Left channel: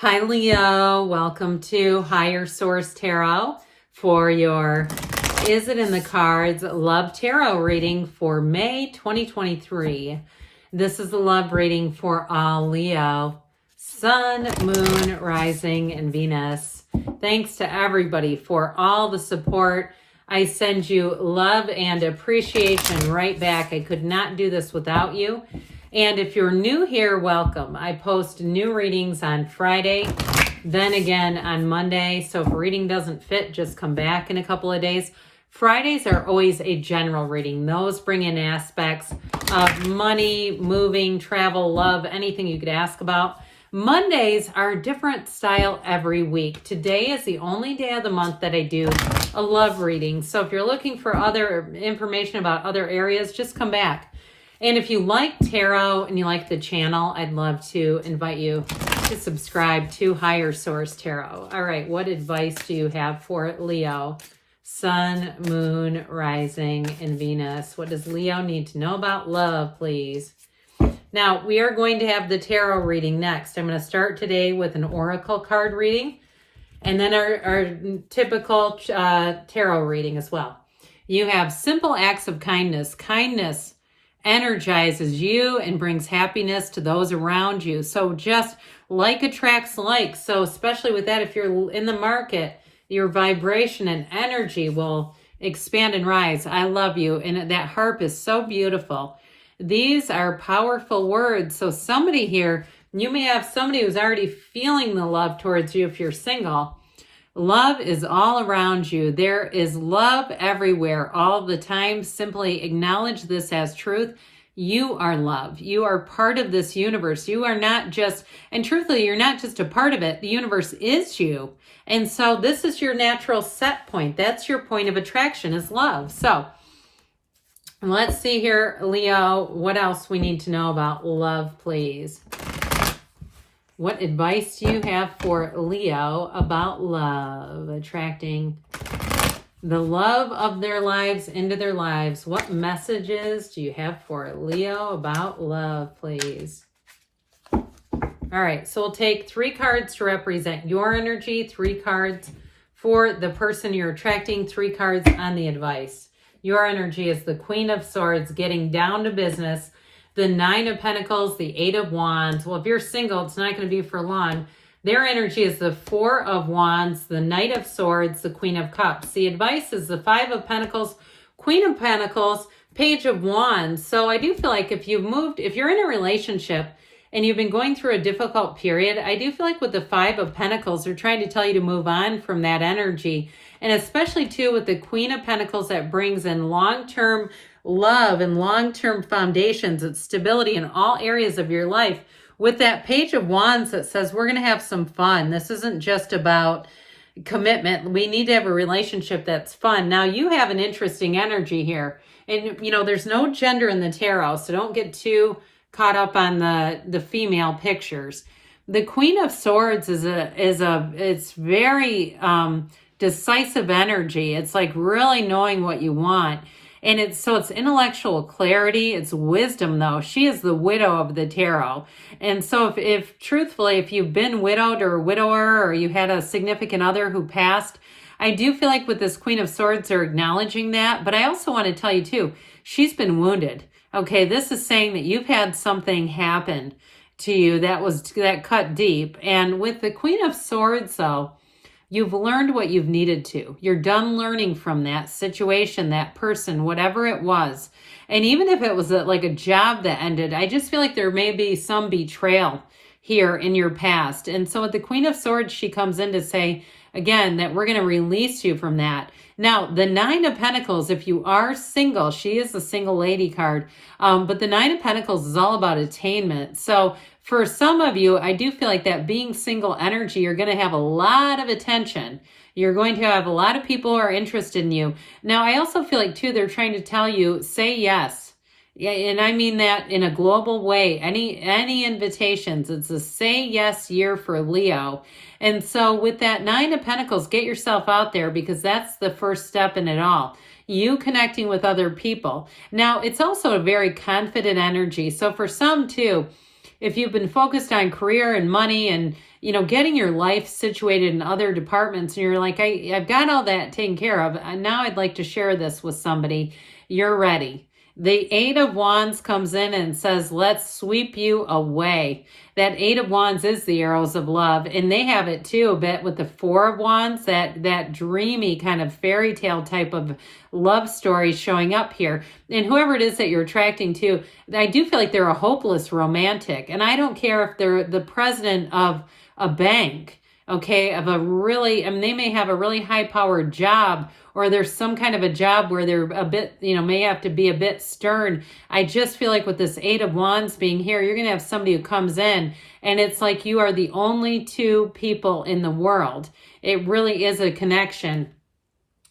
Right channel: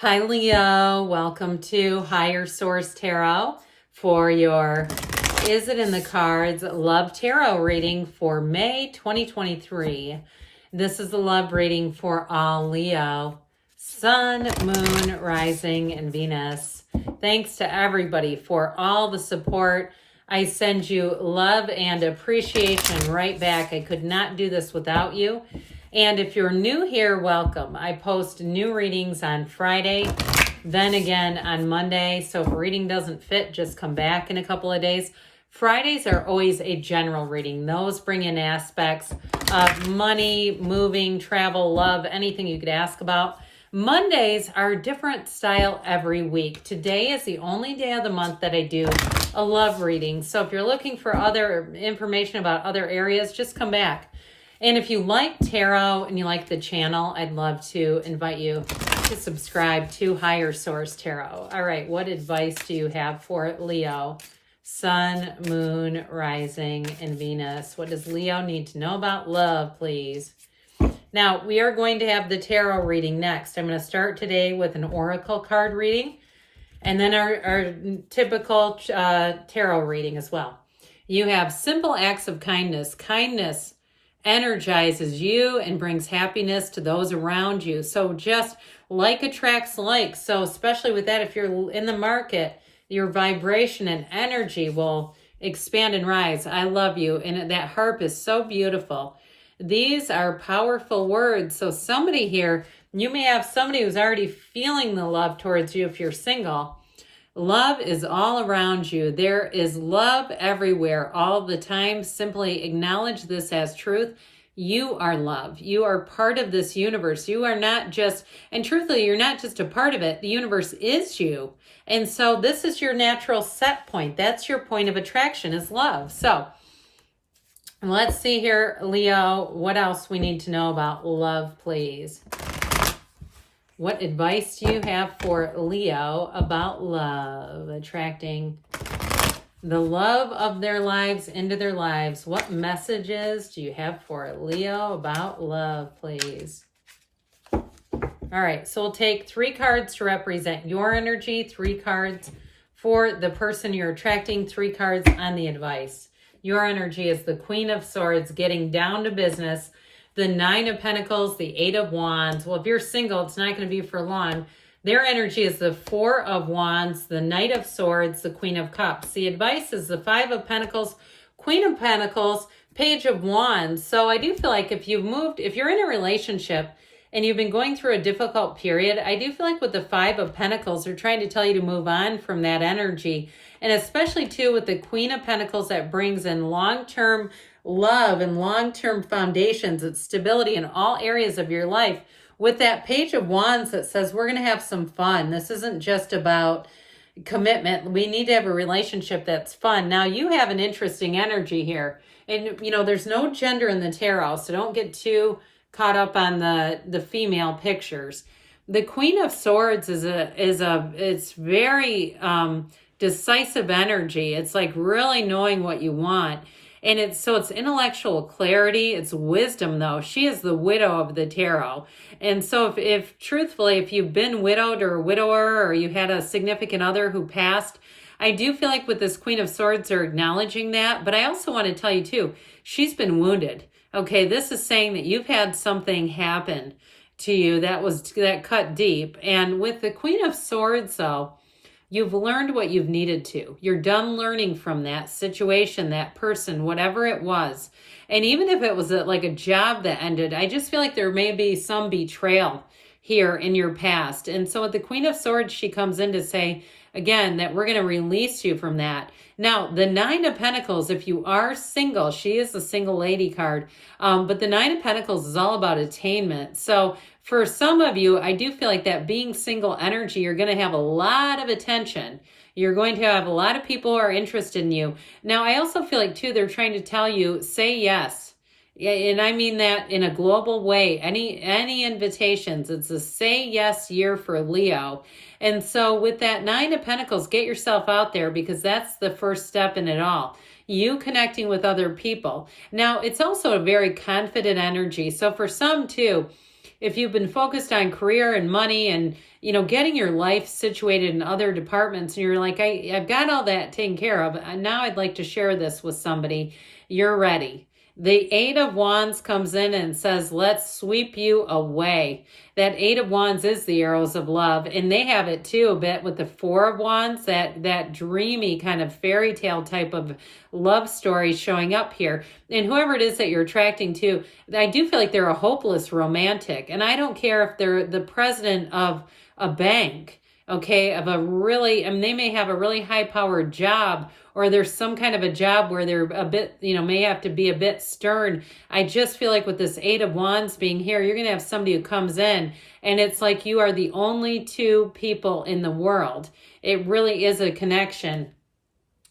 Hi, Leo. Welcome to Higher Source Tarot for your Is It in the Cards Love Tarot reading for May 2023. This is the love reading for all Leo, Sun, Moon, Rising, and Venus. Thanks to everybody for all the support. I send you love and appreciation right back. I could not do this without you. And if you're new here, welcome. I post new readings on Friday, then again on Monday. So if a reading doesn't fit, just come back in a couple of days. Fridays are always a general reading. Those bring in aspects of money, moving, travel, love, anything you could ask about. Mondays are a different style every week. Today is the only day of the month that I do a love reading. So if you're looking for other information about other areas, just come back. And if you like tarot and you like the channel, I'd love to invite you to subscribe to Higher Source Tarot. All right, what advice do you have for Leo? Sun, Moon, Rising, and Venus. What does Leo need to know about love, please? Now, we are going to have the tarot reading next. I'm going to start today with an oracle card reading, and then our typical tarot reading as well. You have simple acts of kindness. Kindness energizes you and brings happiness to those around you. So just like attracts like. So especially with that, if you're in the market, your vibration and energy will expand and rise. I love you. And that harp is so beautiful. These are powerful words. So somebody here, you may have somebody who's already feeling the love towards you if you're single. Love is all around you. There is love everywhere all the time. Simply acknowledge this as truth. You are love. You are part of this universe. You are not just, and truthfully, you're not just a part of it. The universe is you. And so this is your natural set point. That's your point of attraction is love. So let's see here, Leo, what else we need to know about love, please. What advice do you have for Leo about love? Attracting the love of their lives into their lives. What messages do you have for Leo about love, please? All right, so we'll take 3 cards to represent your energy, 3 cards for the person you're attracting, 3 cards on the advice. Your energy is the Queen of Swords, getting down to business. The 9 of Pentacles, the 8 of Wands. Well, if you're single, it's not going to be for long. Their energy is the 4 of Wands, the Knight of Swords, the Queen of Cups. The advice is the 5 of Pentacles, Queen of Pentacles, Page of Wands. So I do feel like if you're in a relationship and you've been going through a difficult period, I do feel like with the 5 of Pentacles, they're trying to tell you to move on from that energy. And especially too with the Queen of Pentacles, that brings in long-term love and long-term foundations and stability in all areas of your life. With that Page of Wands that says we're going to have some fun. This isn't just about commitment. We need to have a relationship that's fun. Now, you have an interesting energy here. And, there's no gender in the tarot, so don't get too caught up on the female pictures. The Queen of Swords it's very decisive energy. It's like really knowing what you want. And it's intellectual clarity. It's wisdom, though. She is the widow of the tarot. And so if truthfully, if you've been widowed or a widower, or you had a significant other who passed, I do feel like with this Queen of Swords, they're acknowledging that. But I also want to tell you, too, she's been wounded. Okay, this is saying that you've had something happen to you that cut deep. And with the Queen of Swords, though, you've learned what you've needed to. You're done learning from that situation, that person, whatever it was. And even if it was like a job that ended, I just feel like there may be some betrayal here in your past. And so with the Queen of Swords, she comes in to say, again, that we're going to release you from that. Now, the 9 of Pentacles, if you are single, she is the single lady card. But the 9 of Pentacles is all about attainment. So for some of you, I do feel like that being single energy, you're going to have a lot of attention. You're going to have a lot of people who are interested in you. Now, I also feel like, too, they're trying to tell you, say yes. Yeah, and I mean that in a global way. Any invitations, it's a say yes year for Leo. And so with that 9 of Pentacles, get yourself out there, because that's the first step in it all. You connecting with other people. Now, it's also a very confident energy. So for some, too, if you've been focused on career and money and you know, getting your life situated in other departments, and you're like, I've got all that taken care of. And now I'd like to share this with somebody. You're ready. The Eight of Wands comes in and says, let's sweep you away. That Eight of Wands is the arrows of love, and they have it too a bit with the Four of Wands, that dreamy kind of fairy tale type of love story showing up here. And whoever it is that you're attracting to, I do feel like they're a hopeless romantic. And I don't care if they're the president of a bank, okay, of a really, I mean, they may have a really high-powered job, or there's some kind of a job where they're a bit, you know, may have to be a bit stern. I just feel like with this Eight of Wands being here, you're going to have somebody who comes in, and it's like you are the only two people in the world. It really is a connection.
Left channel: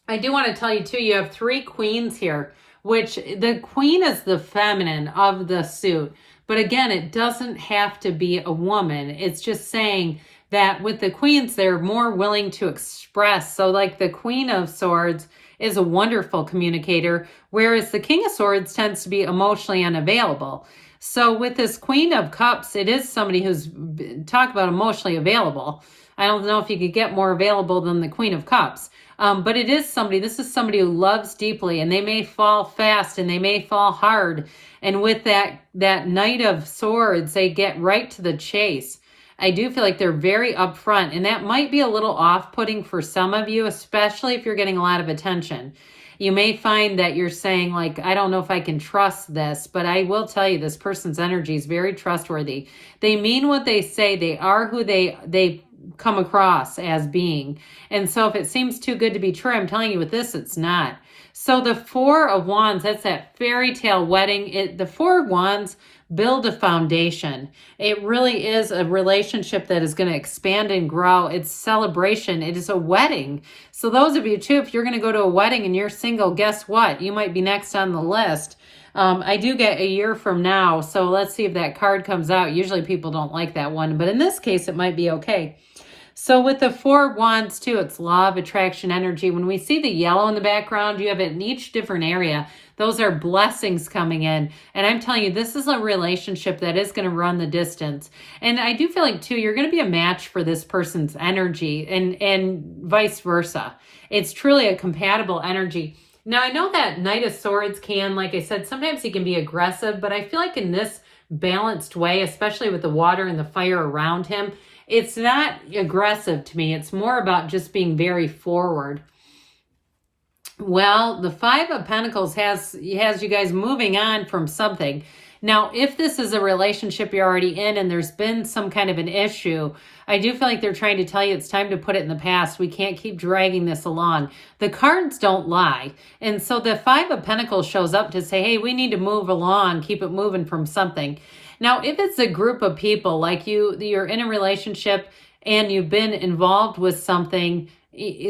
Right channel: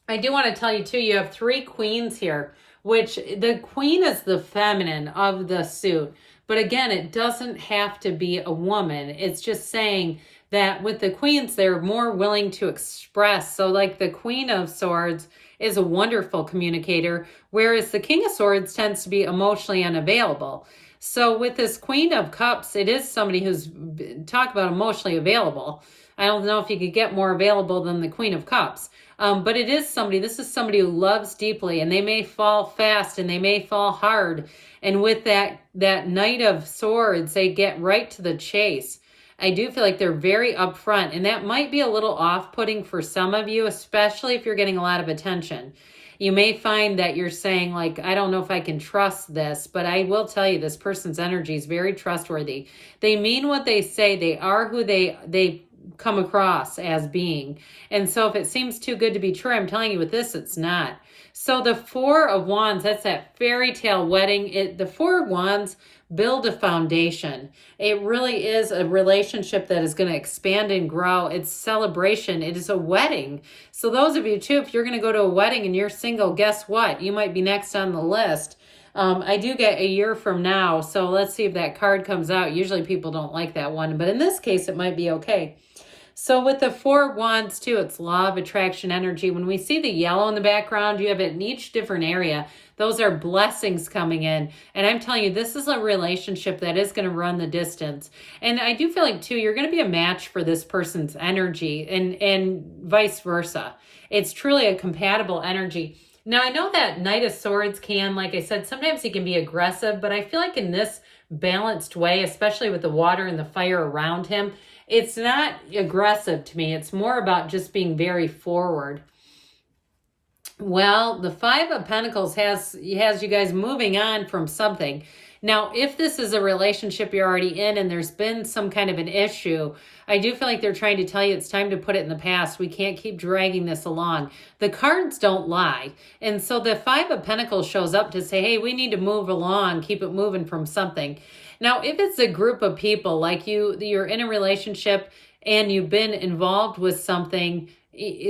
I do want to tell you, too, you have three queens here, which the queen is the feminine of the suit. But again, it doesn't have to be a woman. It's just saying that with the queens, they're more willing to express. So like the Queen of Swords is a wonderful communicator, whereas the King of Swords tends to be emotionally unavailable. So with this Queen of Cups, it is somebody who's, talk about emotionally available. I don't know if you could get more available than the Queen of Cups. But it is somebody, this is somebody who loves deeply, and they may fall fast and they may fall hard. And with that Knight of Swords, they get right to the chase. I do feel like they're very upfront, and that might be a little off-putting for some of you, especially if you're getting a lot of attention. You may find that you're saying, like, I don't know if I can trust this, but I will tell you this person's energy is very trustworthy. They mean what they say. They are who they come across as being. And so if it seems too good to be true, I'm telling you with this, it's not. So the Four of Wands, that's that fairy tale wedding. The Four of Wands build a foundation. It really is a relationship that is going to expand and grow. It's celebration. It is a wedding. So those of you too, if you're going to go to a wedding and you're single, guess what? You might be next on the list. I do get a year from now, so let's see if that card comes out. Usually people don't like that one, but in this case, it might be okay. So with the Four of Wands too, it's law of attraction energy. When we see the yellow in the background, you have it in each different area. Those are blessings coming in. And I'm telling you, this is a relationship that is going to run the distance. And I do feel like too, you're going to be a match for this person's energy, and vice versa. It's truly a compatible energy. Now, I know that Knight of Swords can, like I said, sometimes he can be aggressive, but I feel like in this balanced way, especially with the water and the fire around him, it's not aggressive to me. It's more about just being very forward. Well, the Five of Pentacles has you guys moving on from something. Now, if this is a relationship you're already in and there's been some kind of an issue, I do feel like they're trying to tell you it's time to put it in the past. We can't keep dragging this along. The cards don't lie. And so the Five of Pentacles shows up to say, hey, we need to move along, keep it moving from something. Now, if it's a group of people, like you're in a relationship and you've been involved with something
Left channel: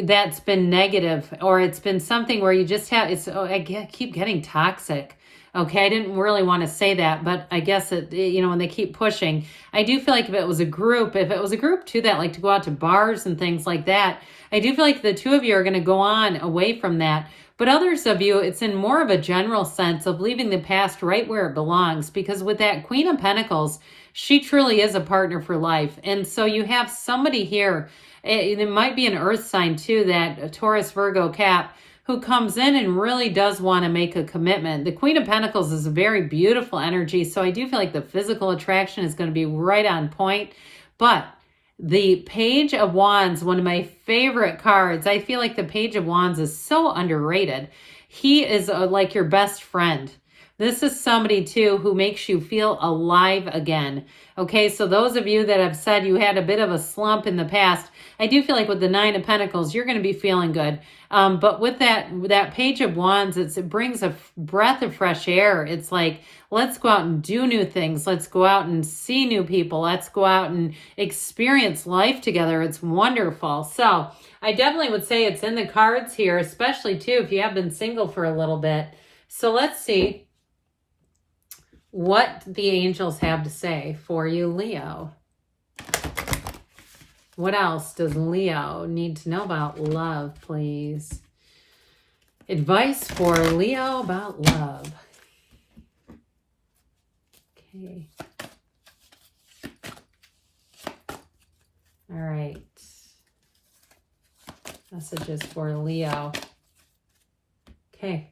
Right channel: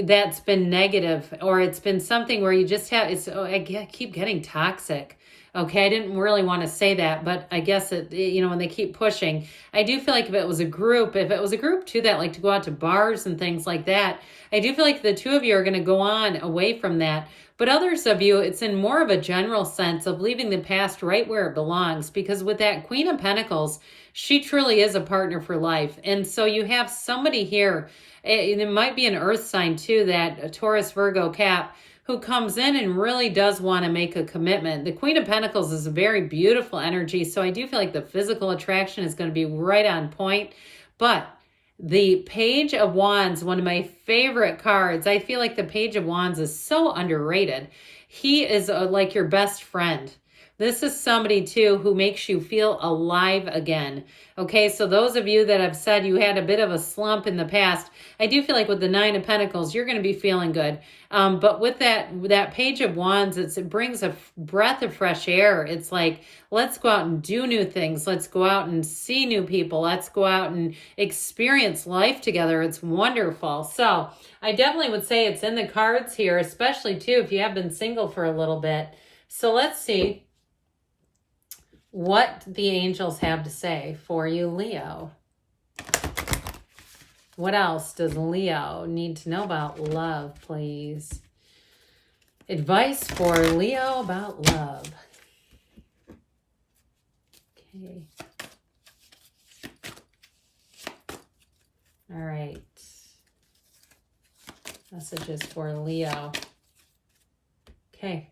that's been negative, or it's been something where you just have, I keep getting toxic. Okay, I didn't really want to say that, but I guess when they keep pushing, I do feel like if it was a group too that like to go out to bars and things like that, I do feel like the two of you are going to go on away from that. But others of you, it's in more of a general sense of leaving the past right where it belongs, because with that Queen of Pentacles, she truly is a partner for life. And so you have somebody here, it might be an earth sign too, that Taurus, Virgo, Cap, who comes in and really does want to make a commitment. The Queen of Pentacles is a very beautiful energy, so I do feel like the physical attraction is going to be right on point. But the Page of Wands, one of my favorite cards, I feel like the Page of Wands is so underrated. He is like your best friend. This is somebody too who makes you feel alive again. Okay, so those of you that have said you had a bit of a slump in the past, I do feel like with the Nine of Pentacles, you're going to be feeling good. But with that Page of Wands, it brings a breath of fresh air. It's like, let's go out and do new things. Let's go out and see new people. Let's go out and experience life together. It's wonderful. So I definitely would say it's in the cards here, especially too if you have been single for a little bit. So let's see what the angels have to say for you, Leo. What else does Leo need to know about love, please? Advice for Leo about love. Okay. All right. Messages for Leo. Okay.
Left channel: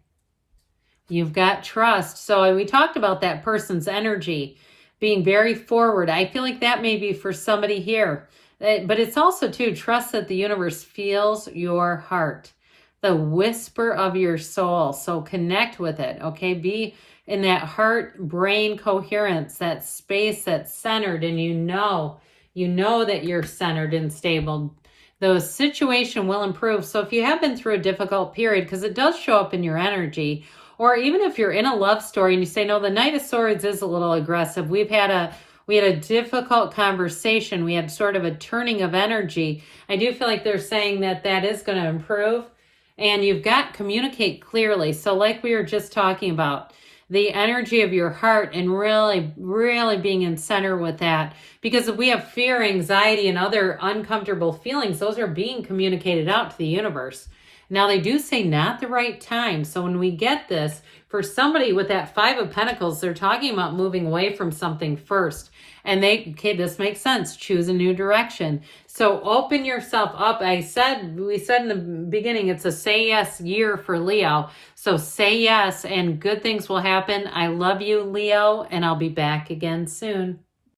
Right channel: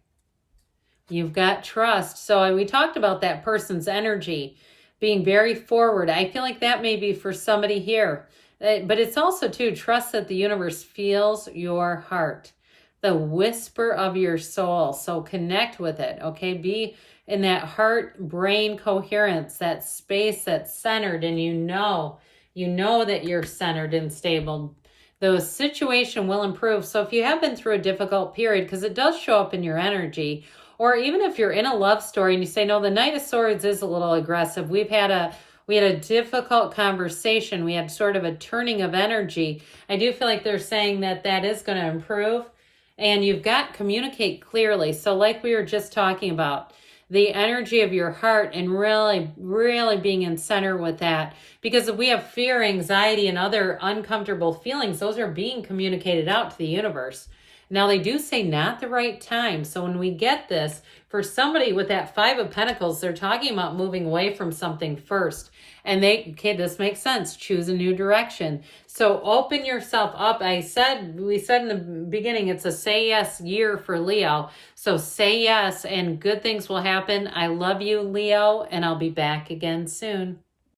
You've got trust. So we talked about that person's energy being very forward. I feel like that may be for somebody here. But it's also, too, trust that the universe feels your heart, the whisper of your soul. So connect with it, okay? Be in that heart-brain coherence, that space that's centered, and you know that you're centered and stable. The situation will improve. So if you have been through a difficult period, because it does show up in your energy, or even if you're in a love story and you say, no, the Knight of Swords is a little aggressive. We had a difficult conversation. We had sort of a turning of energy. I do feel like they're saying that is going to improve. And you've got communicate clearly. So like we were just talking about, the energy of your heart and really, really being in center with that. Because if we have fear, anxiety, and other uncomfortable feelings, those are being communicated out to the universe. Now, they do say not the right time. So when we get this, for somebody with that Five of Pentacles, they're talking about moving away from something first. And this makes sense. Choose a new direction. So open yourself up. We said in the beginning, it's a say yes year for Leo. So say yes and good things will happen. I love you, Leo, and I'll be back again soon.